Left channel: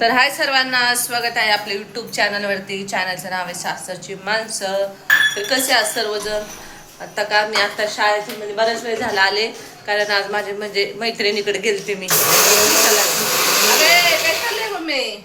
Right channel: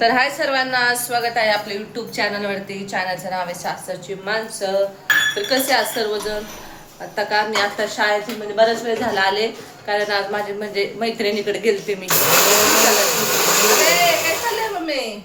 तर हाय सर्वांना, स्वागत आहे आपल्या यूट्यूब चॅनलवरती. चॅनलचं नाव आहे सासरची माणसं. तर कसे आहात सर्वजण? आता शाळेतून म्हणजे बराच वेळ झाला आले, कारण आज माझे म्हणजे मैत्रिणीकडे गेलते मी. काय चाललंय मम्मी?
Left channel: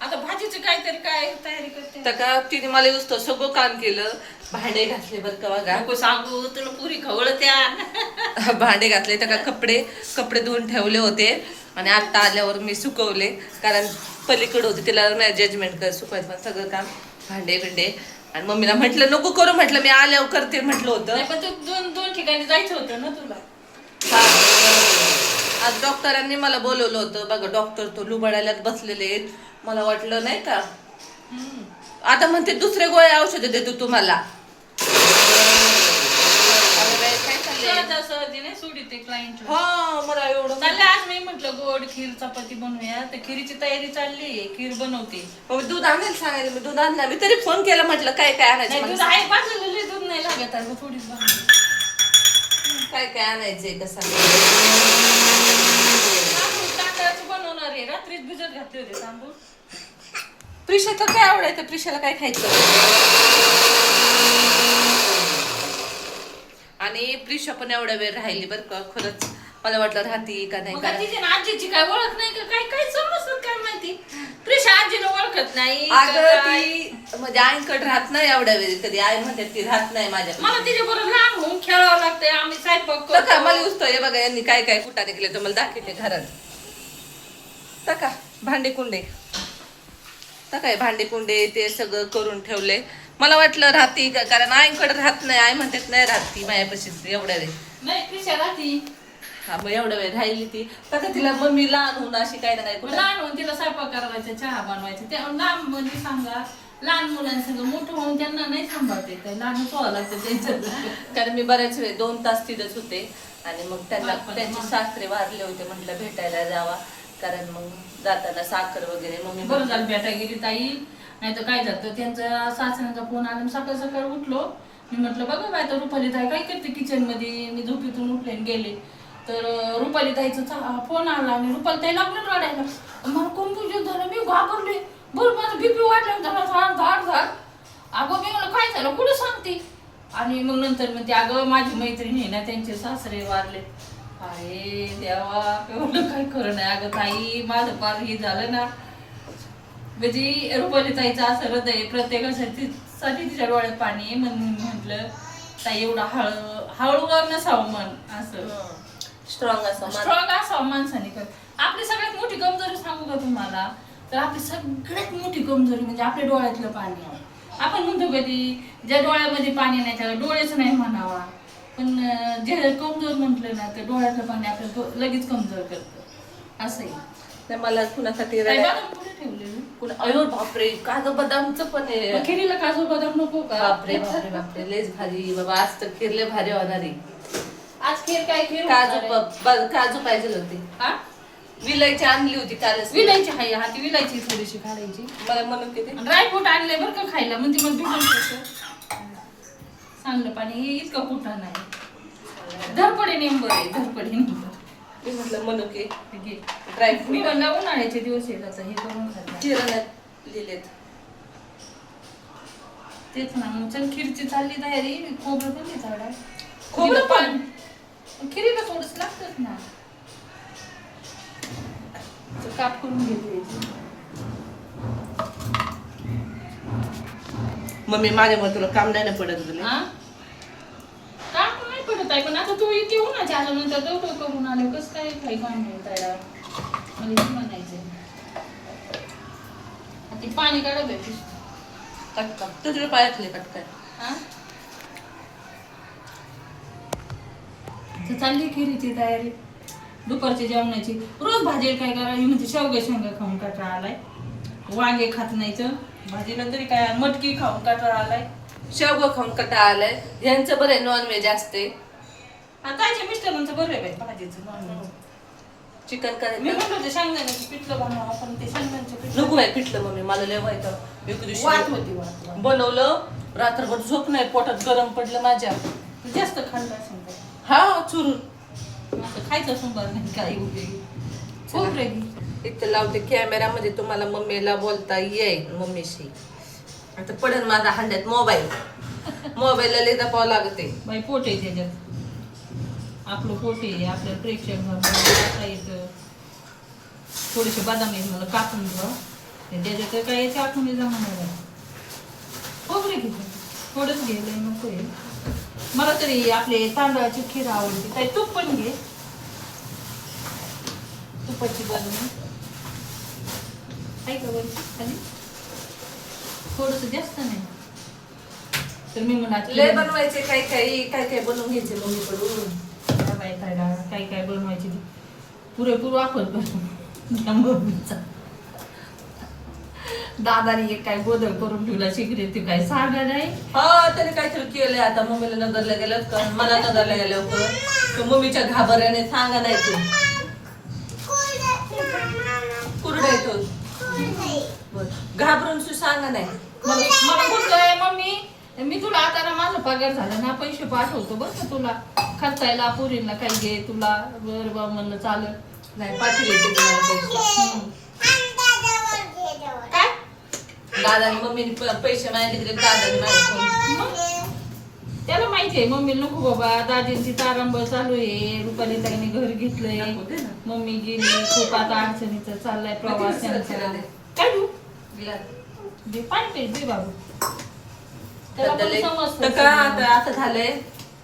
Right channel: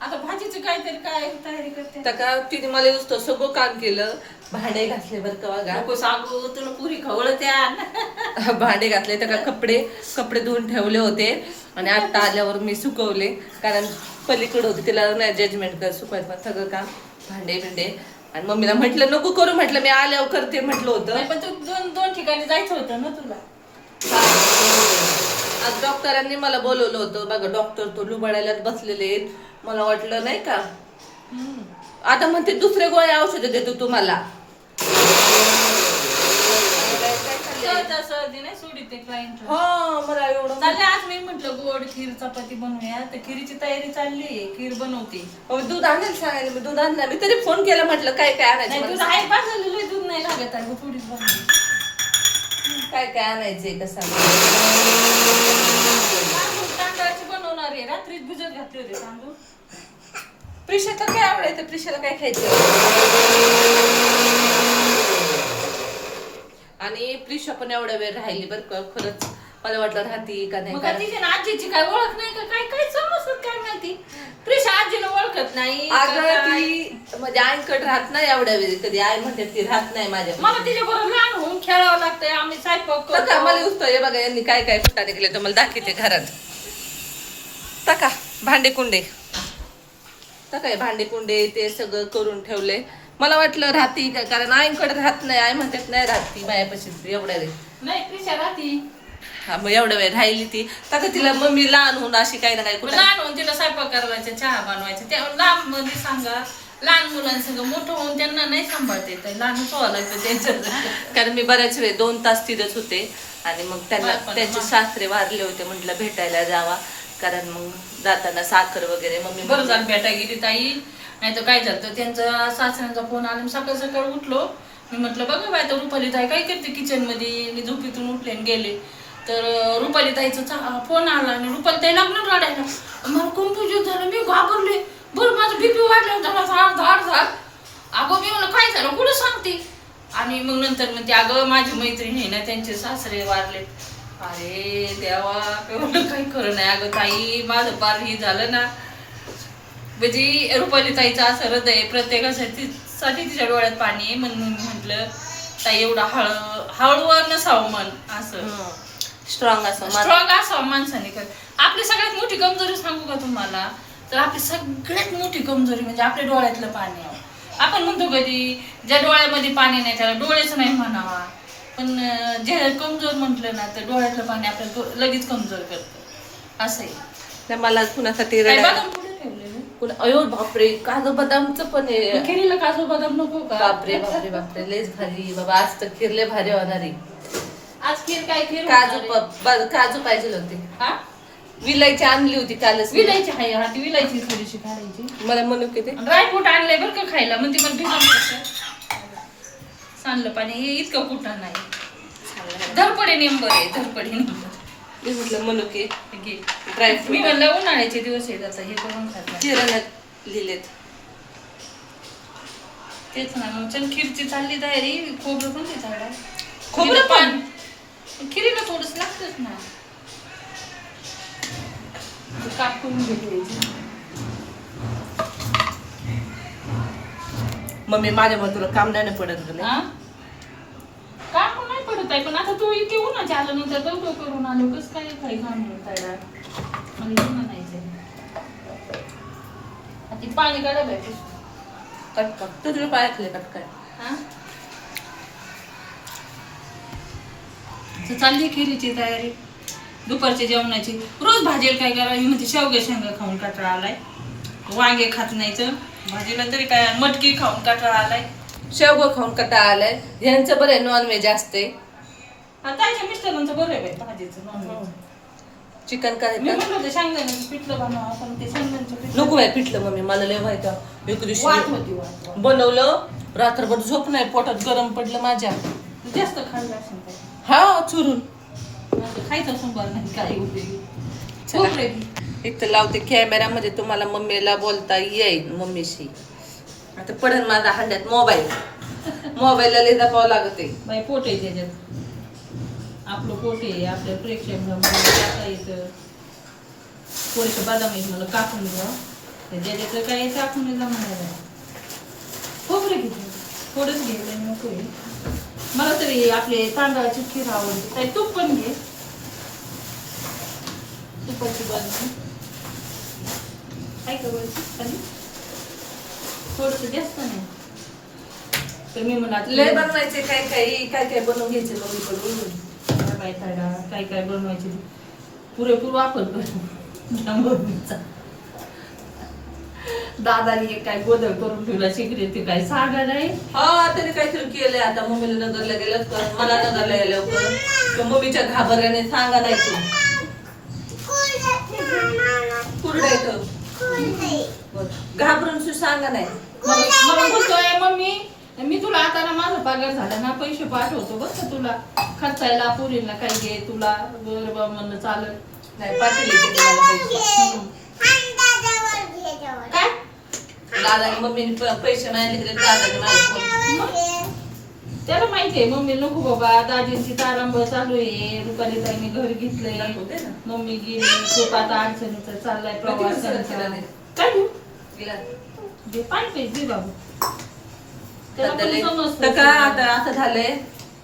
आता भाजीची काहीतरी काय तयारी करते. तर का तिने मला युस्त सगळं काम केलं. भांडे घासले बरं का बघा. नको सांगू तुला पुरी खवळत्या. भांडे घासले तर का कपडे धुवून ठेवले होते आणि आता आल्यावर मी सुकवले, कारण पलीकडे होते तिला नाही जजमेंट कर सुकवायचं, पण सगळं काम भांडे बिंडे. आणि मम्मीला म्हटलं नको करू, म्हटलं मी आल्यावर करते म्हटलं होतं. पण तू दोन ठिकाणी जायचं होतं ना तुला. आज डॉक्टरांनी मला बोलवलं होतं बघा. डॉक्टर तो लुबाडायला बसलेले आहेत. मला वाटलं नाही का आता म्हणते दुसरे गोळे औषध देतो तुम्हाला. हा मला एवढं चाललं. आज नाही म्हटलं गोड खीर चपाती बनवूया, तर खिरीची तयारी चालली. खीर बनवते. दूध आणायला सांगायला मी दूध आणणार. मी तरी फोन केला, म्हटलं काय काय आणायचं. दूध आहे पाजलेलं, दूध नाही लागत आहे थोडीच बनवली. काय काय आणायचंय कसं तांदळाची बनवणार आहे. रात्रीच भिजत घातले होते तांदूळ. प्रिशा तर काय आवडायचं, प्रिशाला काय खायचं. आणि प्रिशा पण एवढ्या वेळ राहिली बरं का. खरंच मला वाटलं राहती का नाही. कारण आजीची काय ओळख नाही का, काय काय समजत काय माहिती. प्रिशा आजीला ओळखत नाही. अगं ती म्हणजे आईकडे राहत नाही एवढ्या वेळी. कधी आई म्हणते ती राहत नाही माझ्या. मला तिच्या बरोबर लहान होऊन खेळावं लागतंय. आम्ही स्वयंपाक करतो. मला युस्त हे बघा, यांनी काय काय कुठाने केले तर मला दाखवते घरात. तका भांडे कुंडे काय भांडे कुंडे ते सगळं करून ठेवले. मला वाटलं राहती का, कारण आईकडे राहत नाही. आई म्हणतात नाही राहती मायापाशी एवढ्या वेळ. नाही प्रिशा राहती. हा मग एवढ्या वेळ राहिली ती. तर तिला मम्मी लहान होऊन अशी काही ना काही लहान होऊन तिला स्वयंपाक करायचा, चहा बनवायचा. त्या लहान मध्ये सांगा, लहान मुलांसंग मोठं होऊन त्यांना नाही सांभाळते, लहानच व्हावं लागतं त्यांचं. कारण मी बऱ्याच वेळ 2 तास तिथेच होते. आणि मग त्यांना त्यांचे सासरे वारले होते, म्हटलं भेटायला जावा, कारण मग जाताना साखर वगैरे. मग बरं झालं भेटा गेली ताई. नाही तर काय झालं, त्यांचा सासऱ्यांचा फोन आला. सकाळ सकाळ उठलो मी, म्हटलं बघा बाय तर रुपाली ताई काय करते किचन मध्ये. मी झोपेतून उठले आणि गेले, तर रुपाली ताईचा फोन आला आणि रुपाली ताई लागलं रडायला. मला कन्फ्युजन झालं, मी घाबरले. बरं माझं बीपी वाढलं झाला धाड. अगं मी मला काय झालं कुठं सांगते. आणि मग नंतर म्हणते अगं माझी मैत्रीण आहे ना, त्यांचे सासरे वारले. अरे देवा, एवढं काही खरं नाही अगं ताई. माझं पार ही झालं ना. म्हणजे रुपाली ताईचं असं हृदय प्रत्येकासाठी तिच्या डोळ्यात पाणी आहे. म्हणून म्हटलं ताई एवढा हळूवार नसावं मन, असं स्ट्रॉंग असावं माणसाने. आपली सगळ्यात मोठी कमजोरी सांगू का तुम्हाला, तर आपली सगळ्यात मोठी कमजोरी म्हणजे आपल्या डोळ्यातलं पाणी. आपण म्हणतो कधी ज्या डोळ्यामध्ये पाणी नाही त्याला डोळेच नाही म्हणावा, पण जे कमजोर म्हटलं ना तर डोळ्यातलं पाणी आपल्याला लगेच कमजोर करतं. असंही मला कुणासाठी कुठे ठेवलेलं. अयो बापरे, काजू बदामचं पण आहे. खिरीला काजू बदाम नको का? बापरे बापरे बापरे, लयच भारी बाबा. आज तर खीर लय भारी होणार आहे. आज खीर काय खीर काजू पाहिजे होते. विलायची आणली होती कालच. विलायची हाय हा, ती विलायची थोडीशी काढायची. मला म्हणून किती ड्रायफ्रूट आणलंय बरं का खायला. म्हणते मला भिजून सांडलं पाणी हे इतकं कुठं नाही. धरपडे नेंबर आहे, धरपडे नेंबर. मी म्हटलं म्हणू की ड्रायफ्रूट. मी म्हणलं उन्हाळ्याचे दिवस आहेत आता हे करून खात लिहिलेत तेच ना. मग चल खीरची चालली तयारी. खोबरं पण ते झाड खोबरं पण खिरीला थोडंच लागतच ना. कापून घेतली मम्मी. माझ्यामुळे तुला काम नाही पडत झालं. कापून नाही पडत आहे, पण आता तू इथे उन्हाच्या आल्यानंतर लवकर करून आलो कस काय काही काम नाही तयार. मला म्हणायचंय ती पाणी काढा भेटू कटका तुझ्या पायातले कटका. चालली खिरीची तयारी, दुपारच्या जेवणाची. रोज भाजीला काय करावी म्हणजे शेवग्या शेंगा खाऊन कंटाळा आलाय. वांगे खात नाहीचं भाजीला, तरी काय मटकी खाऊन कंटाळा आलाय. शेवगं खाऊन कंटाळा आलाय. यांचं बरं आहे, नॉनव्हेज असते. ताईच्या मिस्टरांचं बरं आहे बाई भाजीचं नॉनव्हेज. चिकन काय मी म्हटलं ते शेंगदाण्याचं पिठलं बनवा, पण ते शेंगदाण्याचं पिठलं नको बाय पिठलं. मम्मी मला लय व्हायचं. एक दिवशी वाट बनवलं, रात्रभर झोप नाही, पोटात गरम पडलं माझ्या. जास्त खाल्लं असेल हा चुरून खायचं असं बरं नाही काही उपयोगी. इथं लावते कॅमेरामध्ये तुम्हाला मम्मीला बोलता येईल मम्मीशी. आता पडन माझा हंड्यात मोबाईलला लई दापावं लागते. बाई पोट आहे त्याच्यात, आपलं पोट आहे, आपल्या प्रेक्षक येतं. थोडेसे बदाम आहेत मला कापून घ्या, त्याच्यात काय कापून म्हणायला. खोबरे घेते थोडंच घ्यायला नको आहे मला तरी. आपले तांदळाची खीर आवडते. काही तूप पण घे, तुपाची बाजू काय करायची खाली थोडस जास्त नाही. तर मी म्हणत लय बनवायचे काय काय बनवून घ्यायचे मम्मीकडून. काय काय बनवायचे पुरेपूर वापर करू मम्मीचा. दादानी एक काय गोदर करून ठेवला शिकले ते काय सागा नाही. हा त्याने काहीतरी केलंय. आता मम्मीला नगरला गेलं तर मला नगरला गेलं तर मम्मीच्या घाबरल्याने सांगा नाही तू कुरडा येतो घाबरून तू सांगा नाही. मला बोलतोय मम्मी मी तुला आता ना माझा पगार झाला ना पैसे पाठवतो बघ का तुला खर्चायला पुरीला काही घे तुला. बरोबर म्हणलं चालत नाही पाठवले ते तुम्हाला पैसे. दादाने मम्मीने पैसे मागितले दादाने माझ्याकडून. त्याला माहितीये मम्मी नको बाबा दादींची तारंबळ चालू आहे. रुपाली ताईने घर घेतलंय, मम्मी गेली, खूप आता अडचणीचा चाललाय प्रवास त्यांचा. काय तू दे पाणी पाहिजे दे बाबू. त्याला पण समजतं. तर का आता असं झालंय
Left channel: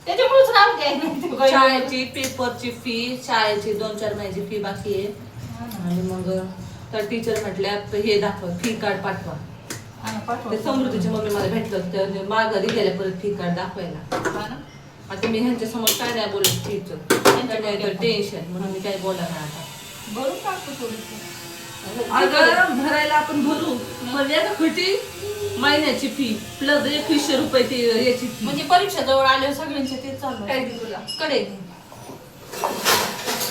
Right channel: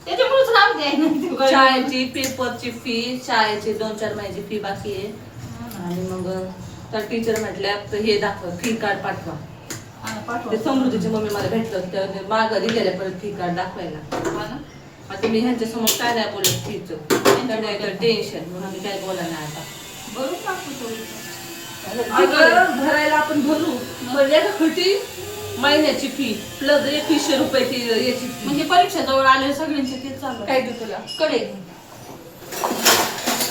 त्याच्यामुळेच राहू द्याय शाळेची पेपरची फी शाळेची 2-4 महिन्याची फी बाकी आहे. आणि मग तर टीचर म्हटल्या हे दाखव फी कार्ड पाठवा. ते समृद्धीची मम्मी मला भेटलं तर माघारी गेल्या परत फी कार्ड दाखवायला. आता मी ह्यांच्या समोर काय नाही बोलत फीचं टेन्शन म्हणून मी काय बोला नाही आता. भरून टाकतो थोडीसं. भरायला आपण भरू खटी महिन्याची फी प्लस 2100 रुपये ती याची fee. म्हणजे परीक्षा जवळ आल्या सगळ्यांचे ते चालू काय दे तुला कडे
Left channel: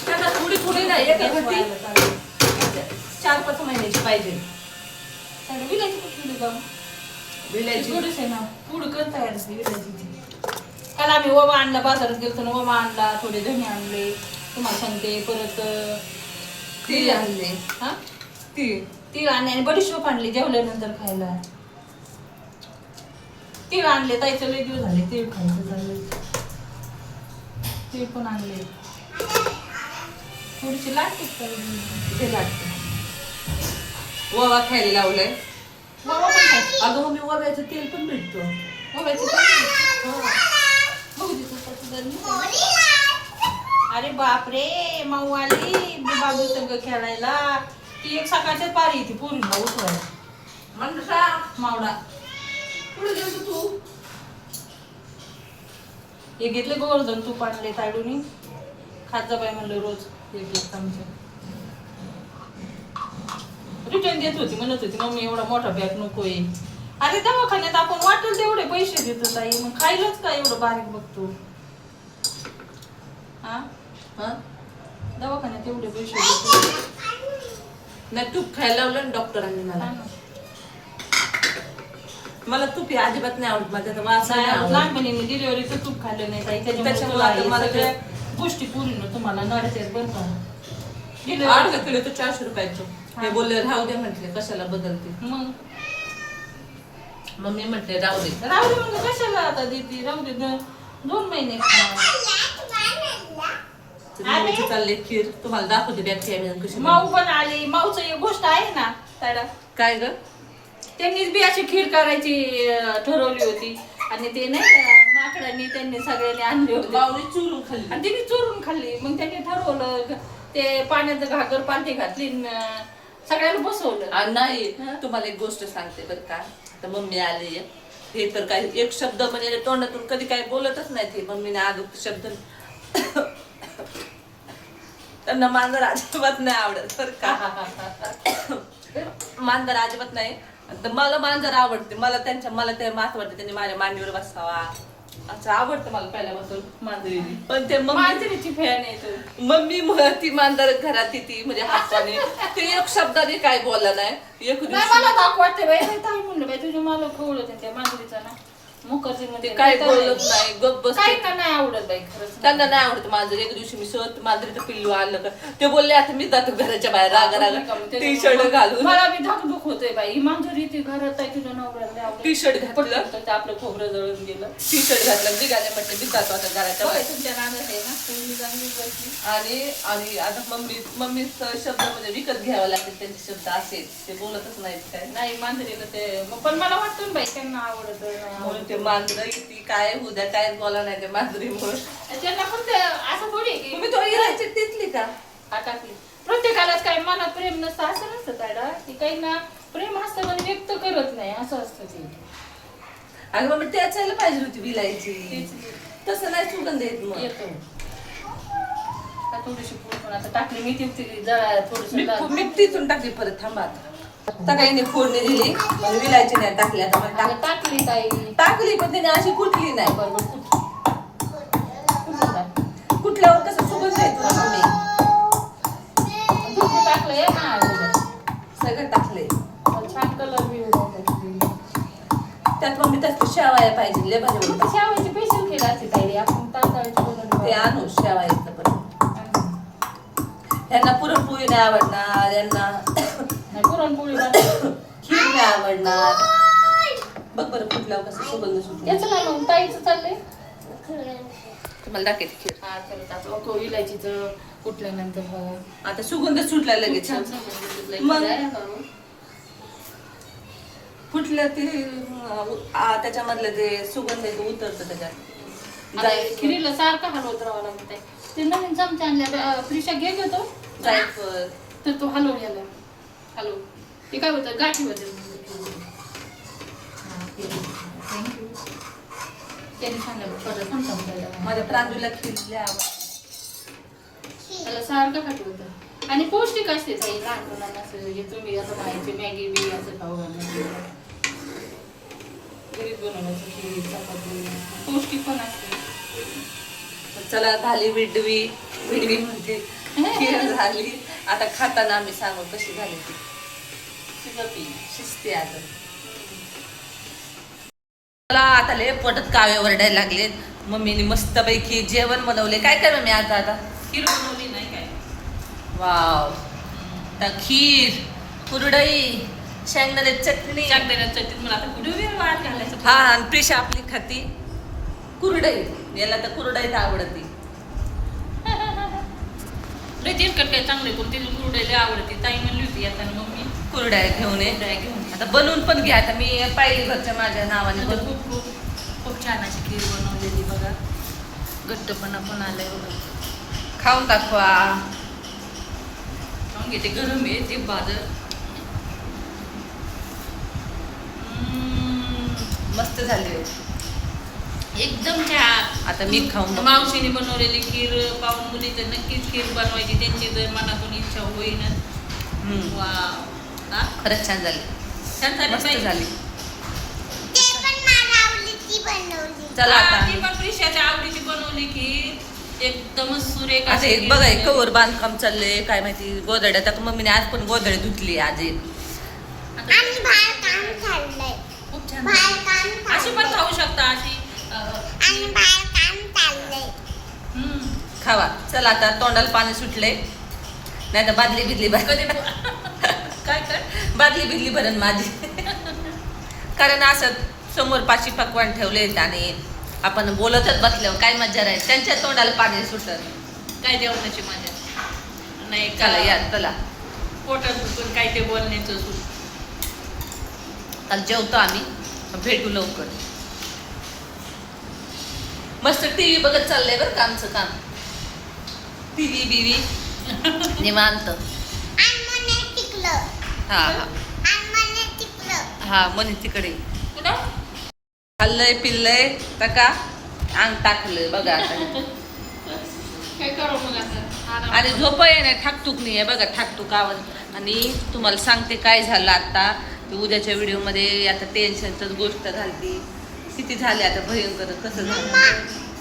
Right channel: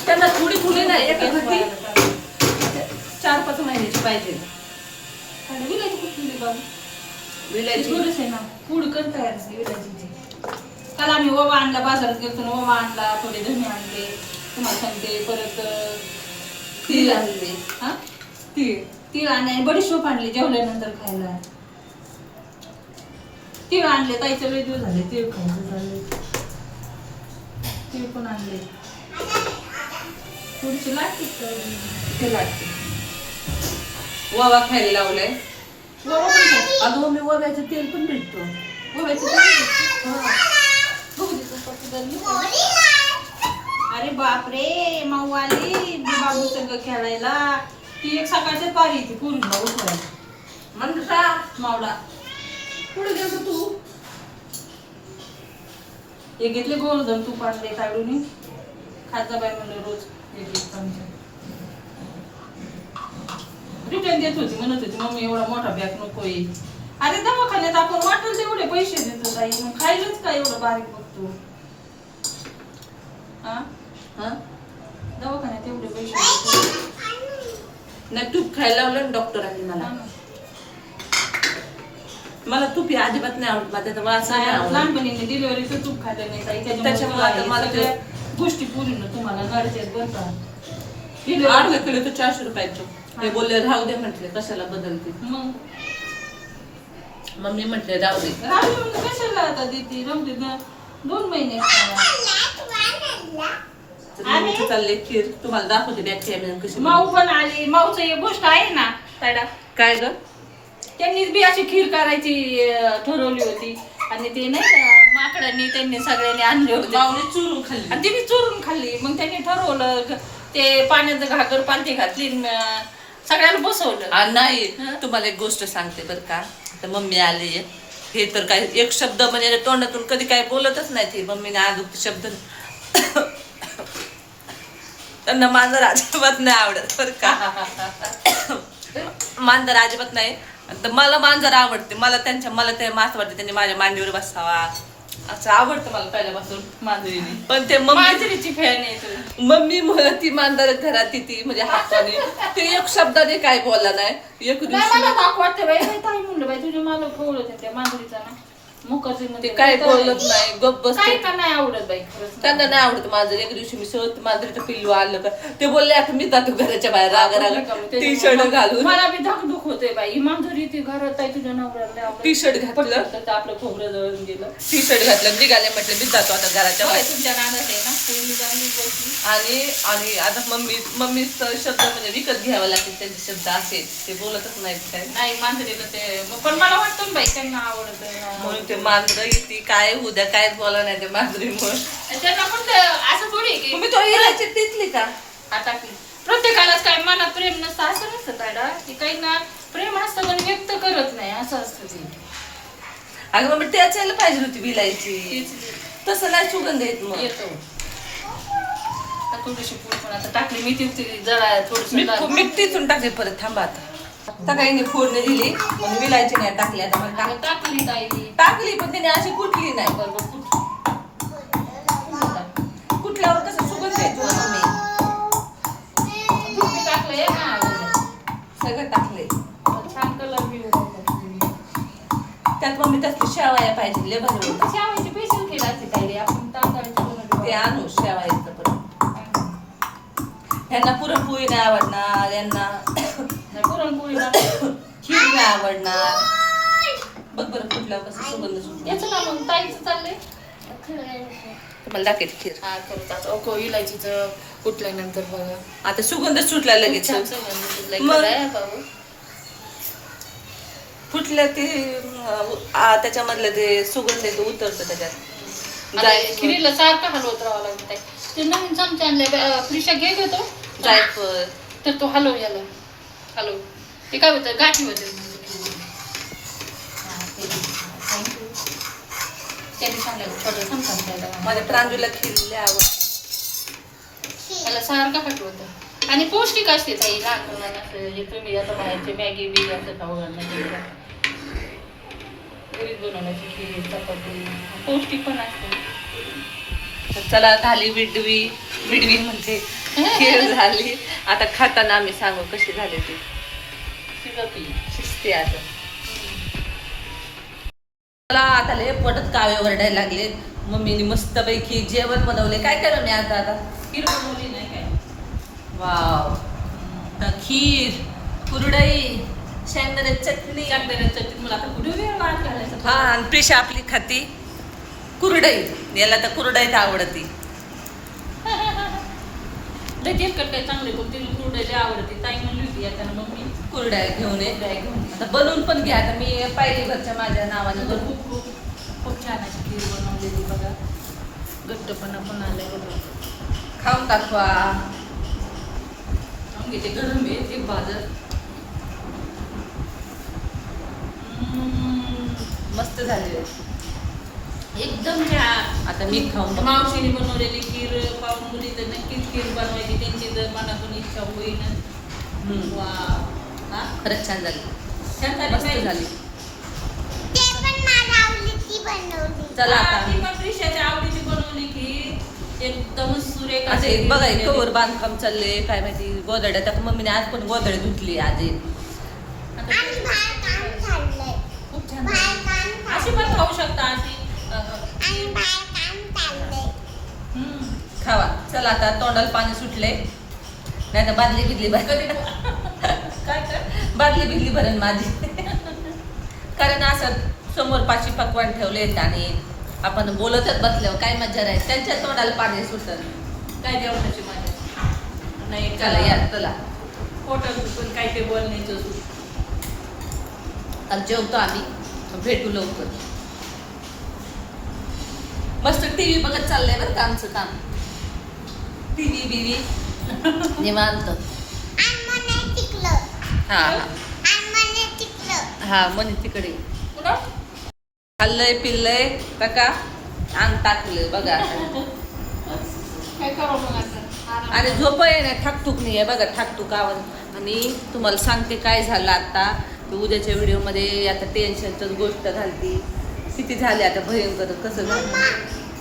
त्यांना थोडी नाही एका खटी 4-5 महिन्याची पाहिजे. विलायची कुठली बाबा विलायची थोडीच आहे ना पूड कर तयार असते विलायची. काल आम्ही ओवा आणला बाजारात गेलो तर ओवा आणला, थोडे धणे आणले तुम्हाला सांगते. परत तीळ आणले. हा तीळ आणले आणि बडीशोप आणली जेवल्यानंतर खायला. तीळ आणले ताईचं लय दिवस झाले तीळ खायचं झालं. तीळ पण आणले थोडीशी लागते ते लागते. ओवा खायला लावलंय. ओवा पण खाय अगं मी ओव्याचं तेल पण भेटतो. ओव्याचं अरे बापरे माऊवाली बाबू संग खेळायला. ती एक सकाळच्याच पारी येते पूर्ण उठवायला म्हणजे मावडा. पुढे गेलो तू हे घेतले गोवर्धन तूप आणले ताडून खात जा बाई म्हणलं रोज एक चमचा. रिटर्न देत होती म्हणत होती मम्मी एवढा मोठा बॅग नकोय. अरे दवाखान्यात आपण वाटेल तेवढे पैसे देतो ताई मग खायलाच का एवढं बारीक बघतो. हा दवाखान्यात एवढे पैसे देतो. नाही तूप खायला लावलं ना डॉक्टरांनी मला तूप हे अजिबात नाही आवडत. माझ्या वास लहानपणी मी डिलिव्हरीचं तूप खाल्लं नाही ताई त्याच्यामुळे मला सगळ्या गोष्टी पूर्ण तुम्हाला नडतेच बरं का. अर्धा किलो तर 400 रुपयाचं. हे बोलले राहू दे म्हटले कशाला बदलते. मग मम्मी म्हटले राहू दे म्हणजे कशाला आता देते राहू दे 2 महिने चालले खीर तुम्हाला दाखवते बॅक्टेरिया कशी. माऊ पण आली. माऊचं एक गोष्ट आहे ना ताडा काय ग त्यांनीच बी अशी खीर करायची ठरवली होती आणि ते नाही का माकडांनी त्यांनी सगळ्यांनी आणले होते चुरून खाल्ली आणि तिने चुरून खाल्ली. मग त्यांनी ठरवलं ते पाण्याचं घागर पालथी घातली सगळ्याला बसवलं. नाही तुम्हाला एक गोष्ट सांगते बरं का. आता मम्मी आली हे तर काय एक शब्द म्हणजे तोंडातून कधी काय बोलतच नाही ती मम्मीने आदुक शब्द. त्यांना मांजर अजिबात नाही आवडत बरं का. मांजर अजिबात नाही. तर मला मांजर आवडते. मला ते मास वाटते त्यांनी माझ्या मांडीवर बसावा असं आवडतं मला पहिल्यापासून मांजरीने. पण ते मांजरीची फॅन आहे मम्मी ती मांजर घरात ती म्हणजे हाताने ते एक शब्दाने काय बोलला नाही. एक मला दाख वाटते बाई ताई म्हणलं बाई तुझ्या मला खवळ होते त्या मांजरीचा ना मुखर्जी ते मध्ये काय बोलत नाही, गप बसते. काही का नाही आवडत बाई खरंच. त्यांना नाही आवडत मांजर. एक दिवशी मी सहज मांजरीचं पिल्लू आणलं का ते बोलले आता मी जातो घराच्या बाहेर रागा टी शर्ट घालून. मला बी धाकधूक होते बाई. ही मांजरी ती घरात आहे तुझ्या नवऱ्याला टी-शर्ट घातलं. तर आपलं खोबरं जळून गेलं. टी शर्ट घातलं निघाले, म्हटलं मी जातो आता घराच्या बरं, बाहेर. तुमच्या नादात आहे ना पूर्वी चांगली बसली. आणि आता मम्मीचा शब्द म्हणजे विकत घ्यावा लागतील त्यांचे शब्द असे ते बोलतच नाहीत काय. नाही मांजरीला ते पण मला वाटतं ना बाई त्यांना आवडत म्हणून ते मांजर ती काय उद्या काय बोला नाही ते मांजरीमुळे. त्यांना पण असं थोडी आहे की तुम्ही तो इलायची टिचली का? हा टाकली. प्रत्येकालाच काय मनात प्रेम नसतं असं नसतं तायडा की काही ना प्रेम असतं पण व्यक्त करत नाही असं असतं ते. अगं मग त्याच यायला पाहिजे होती विलायची. तसं नाही सुगंध येत मग. येतो आता थोडीशी पूड पण आता टाकली मी ती जरा थोडीशी मी तिथून टाकली परत थांबा आता. सकाळी फोडणी दिली पण विलायची नाही टाकली. आता मला टाकली ताई टाकली पण तिने अशी कुठली नाही. बरोबर कुठल्यावर कसं सुगंध येतो ना मम्मी. टाकलंय ना सगळं टाकलंय. छान कलर बी त्यात मम्मी त्यात शेवाया पाहिजे लय भारी होतं. शेवायची स्पेशल केलं असते ताई आपण तांदळाची ते आणू शेवायचं पण. यांना पुरणपोळी नाही आवडणार, यांना नाही पुरणपोळी खीर नाही आवडणार. बघ बरं कुठल्यावर कसं सुगंध सुटला. याचं ना मग ताईचं चाललंय तुम्हाला दाखवते खीर. हा करतात ओको इलायचीचं कुठल्यानंतर बघा आता सुगंध सुटला लगेच. छान सुगंध सुटलाय. मग? खरं आहे भाऊ. फुटलं ते त्याच्यामधलं ते सुगंध आहे तो उतरतं त्याच्यात. आता खिरीला सारखं हलवत राहावं लागत आहे. ते नवीन चमचे आणले फ्रिशा घे घेतो जायफळ तर तो हलव याला हलव ते काय होतं गाठी होते त्यांनी सांगितलं थोडं समजा माझ्या प्रांजूला खीर लय आवडते. त्याला सारखं हटवतं आणि पौष्टिक असते ते लहान मुलांना असं जे तुम्ही आता म्हणायचे मॅगी बी असं खाऊ घालणं घरीच बनवण्याची खीर चपाती पौष्टिक पण असते. चला झाली विडवी म्हणजे खीर झाली. आता खाताना आम्ही सांगू कशी झाली ती. शिजते आता. मला आता लय पोटात कावे ओरडायला लागलेत. मम्मीने मस्त पैकी जेवण बनवले. काय करू मी आता खीर बनवली नाही काय वाव. खीर, कुरडई, शेंगदाणे चटणी. चटणी मला आता कुठे वाट घालायचं. हा आणि प्रिशा आपली खाती कुरडई. याला तर कुरडईत आवडती. ते तेलकट काय चांगले पण तिला कुरडईला आवडते. ताई म्हणली होती येताना मग मी कुरडया घेऊन ये. कुरडया घेऊन आता बनवून पण घ्या. आता मी पाहिली घरच्या माझ्या नावाने आता बनवून. खूप खूप खूप छान अशी खीर बनवलेली बघा. घट्टपणा पण आलाय बघा. खाऊन टाकवा. खाऊन घेते गरम आहे ते बाजर. मस्त झाली. एकदम छान. आता मी खाऊन मावशीने बनवलेली खीर पाहून मुली तर नक्कीच खीर बनवायची त्यांची जर मनातून इच्छा होईन. वा हा खरंच छान झाली. छान झाली मस्त बाई. झाली. ते पण मला आवडीची बनवली. चला हा, आता ती पण प्रिशाच्या आवडीची बनवली खीर एकदमच सुरेख आता अशी एक खीर बघा बनवली. कवर बांधकाम चाललंय काय माहिती. गोधड्या तर मम्मीने आज पण गोधड्या धुतली आज. आता आणि बाहेर काम चाललंय. खूप छान बाहेर झाली. काम अशी पण खाऊ शकता अशी आणि बाहेर काम चाललंय. खावा. चला आता तोंडाला पाणी सुटले. नाही तर बादली बिदली कधी काय काय बादली बिदली भरण माझी. कारण असं समोर पाशी पकवान ठेवलेत आणि आपण बोलतच बसल्यावर काय मजा राहील. त्यांच्या तोंडाला पाणी सुटत. काय जेवणाची मजा नाही चला का या चला. पोटात पण काय ते बोलण्याचं सुख. आता जेवतो आम्ही. भेटू लवकर. मस्त टीव्ही बघत चाललंय बरं का आमचं काम. टीव्ही बिवी निवांत. आणि मला टिकलं. हा आणि मला टिकलं. हा म्हणे तिकडे कुठं? खाल्लंय पिल्लंय टका अंग टाकलंय बघा आता. काय करू मग आता आणि झोप आहे ना ठाकटूक नाही आहे बघा. ठाकटूक आवाज. आणि तुम्हाला सांगते काय झालं आता. उद्याच्या व्हिडिओमध्ये आता टेन्शनच गोष्ट झाली. किती झाली आता भयंकर. कसं झालं मम्मा,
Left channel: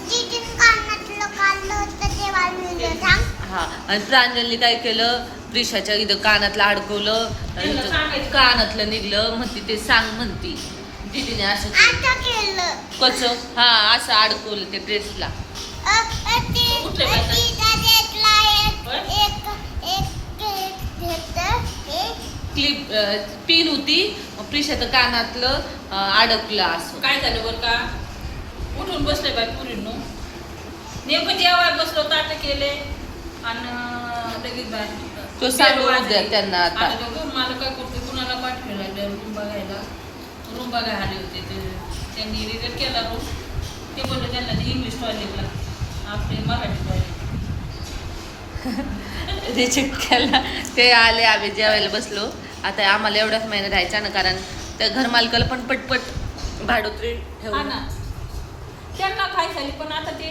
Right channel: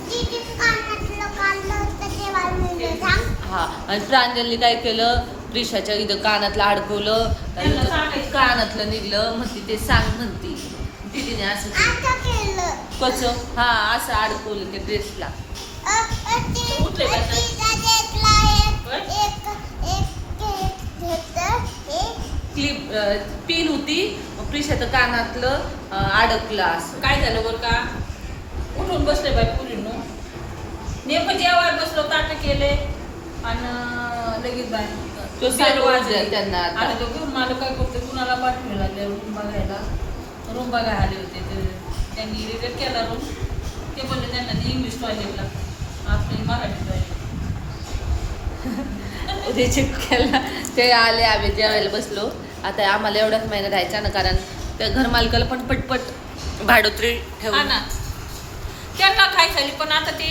जिथून कानातलं काढलं होतं ते वाजवलं सांग. हा. आणि प्रांजलने काय केलं प्रिशाच्या इथं कानातलं अडकवलं. त्यांना सांगायचं. कानातलं निघलं म्हणती ते सांग म्हणती. दीदीने असं आता केलं कच हा असं अडकवलं ते ड्रेसला. उठले का? क्लिप पिन होती प्रिशाचं कानातलं अडकलं असं. काय झालं बरं का उठून बसले बाई पुरीनो नेमकं जेवाय बसलो ताट केले आणि लगेच बाय तो सांगू द्या त्यांना आता. आणि तो घेऊन मला काय करते कुणाला पाठवायला लागले रूम बघायला. रूम बघायला आले होते ते त्यांनी रिजेक्ट केला रूम. ते बोलले त्यांना ते इंग्लिश टॉयलेटला आपले मराठी रिजेक्ट केला. ते आले आम्ही जेवायला बसलो. आता आम्हाला एवढाच महिना राहायचा ना कारण त्या घरमालकाला पण पटपट भाडोत्री हा ठेवून ना त्यांना काय झाली पण आता ते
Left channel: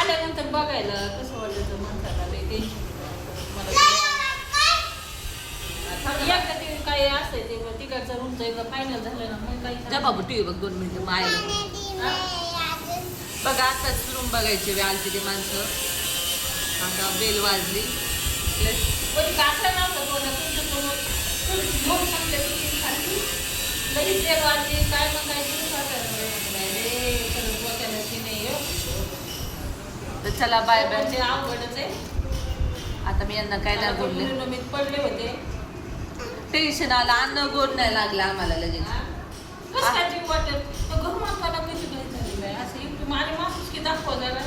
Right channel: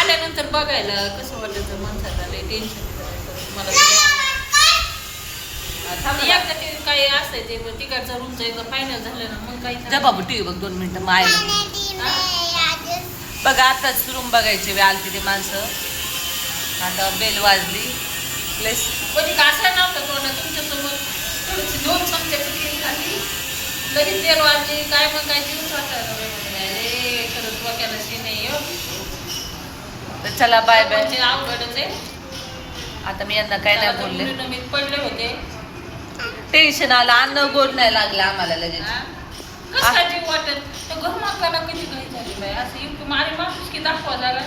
आल्यानंतर बघायला कसं वाटायचं माणसाला लय टेन्शन मला एकदा ते काही असायचे तिकडचं रूमचं एकदा फायनल झालं ना मग काही जा बाबू टीव्ही बघ 2 मिनिटं माय बघा आताच रूम बघायचे वेळ आलती ते माणसं. आता बेल वाजली प्लस कधी कासला नव्हता तोंडात तुमच्यासोबत थोडीशी 2 चमच्याची तेल घातली लगेच तेल वाजली काय मग काय तिथंच वाटायला रे खरंच डोक्याला शी नाही तर चला बाय बाय. म्हणजे अवघडच आहे. आता मी यांना काय नाही बोलले. मुलीनं मी पडले होते टेन्शन आलं अन्न गोड नाही लागलं आम्हाला लगेच. कसं काय जीव वाटत तर घर मागवायला कधी काही झाली बाई असं इतकं माझी माणूस की दाखवा जरा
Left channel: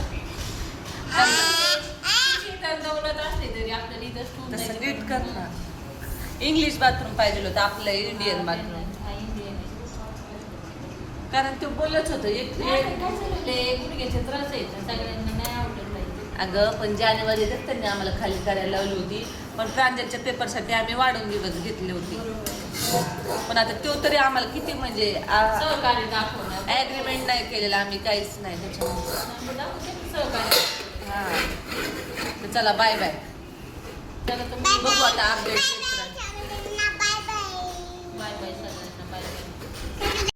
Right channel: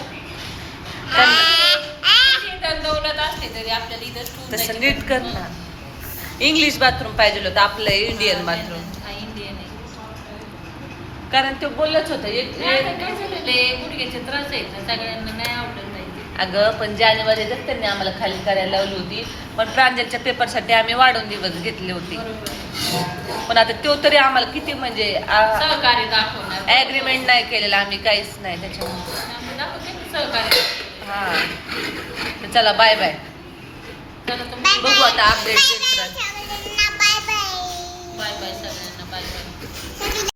दौलत असते तरी आपल्याला इथं ठेवून तसं जायची. नीट कर ना. इंग्लिश बाथरूम पाहिजे होतं आपलं इंडियन बाथरूम. हा, इंडियन आहे. कारण ते बोललंच होतं एक नाही, आता काय झालेलं गुडघ्याचे त्रास आहेत ना सगळ्यांना नाही आवडत नाही ते. अगं पण जानेवारीतच त्यांनी आम्हाला खाली करायला लावली होती. पण प्रांजलच्या पेपरसाठी आम्ही वाढून दिवस घेतले होते. बरोबर पण आता तो तरी आम्हाला किती म्हणजे सहकार्य दाखवणार ॲग्रीमेंट नाही केलेलं आम्ही काहीच नाही त्याच्यामुळे. आम्ही दाखवते की सहकार्य हां तर चला बाय बाय. चला तुम्ही बघू आता अपडेट घेत राहा. बाय बाय बाय बाय सगळ्यांना बाय बाय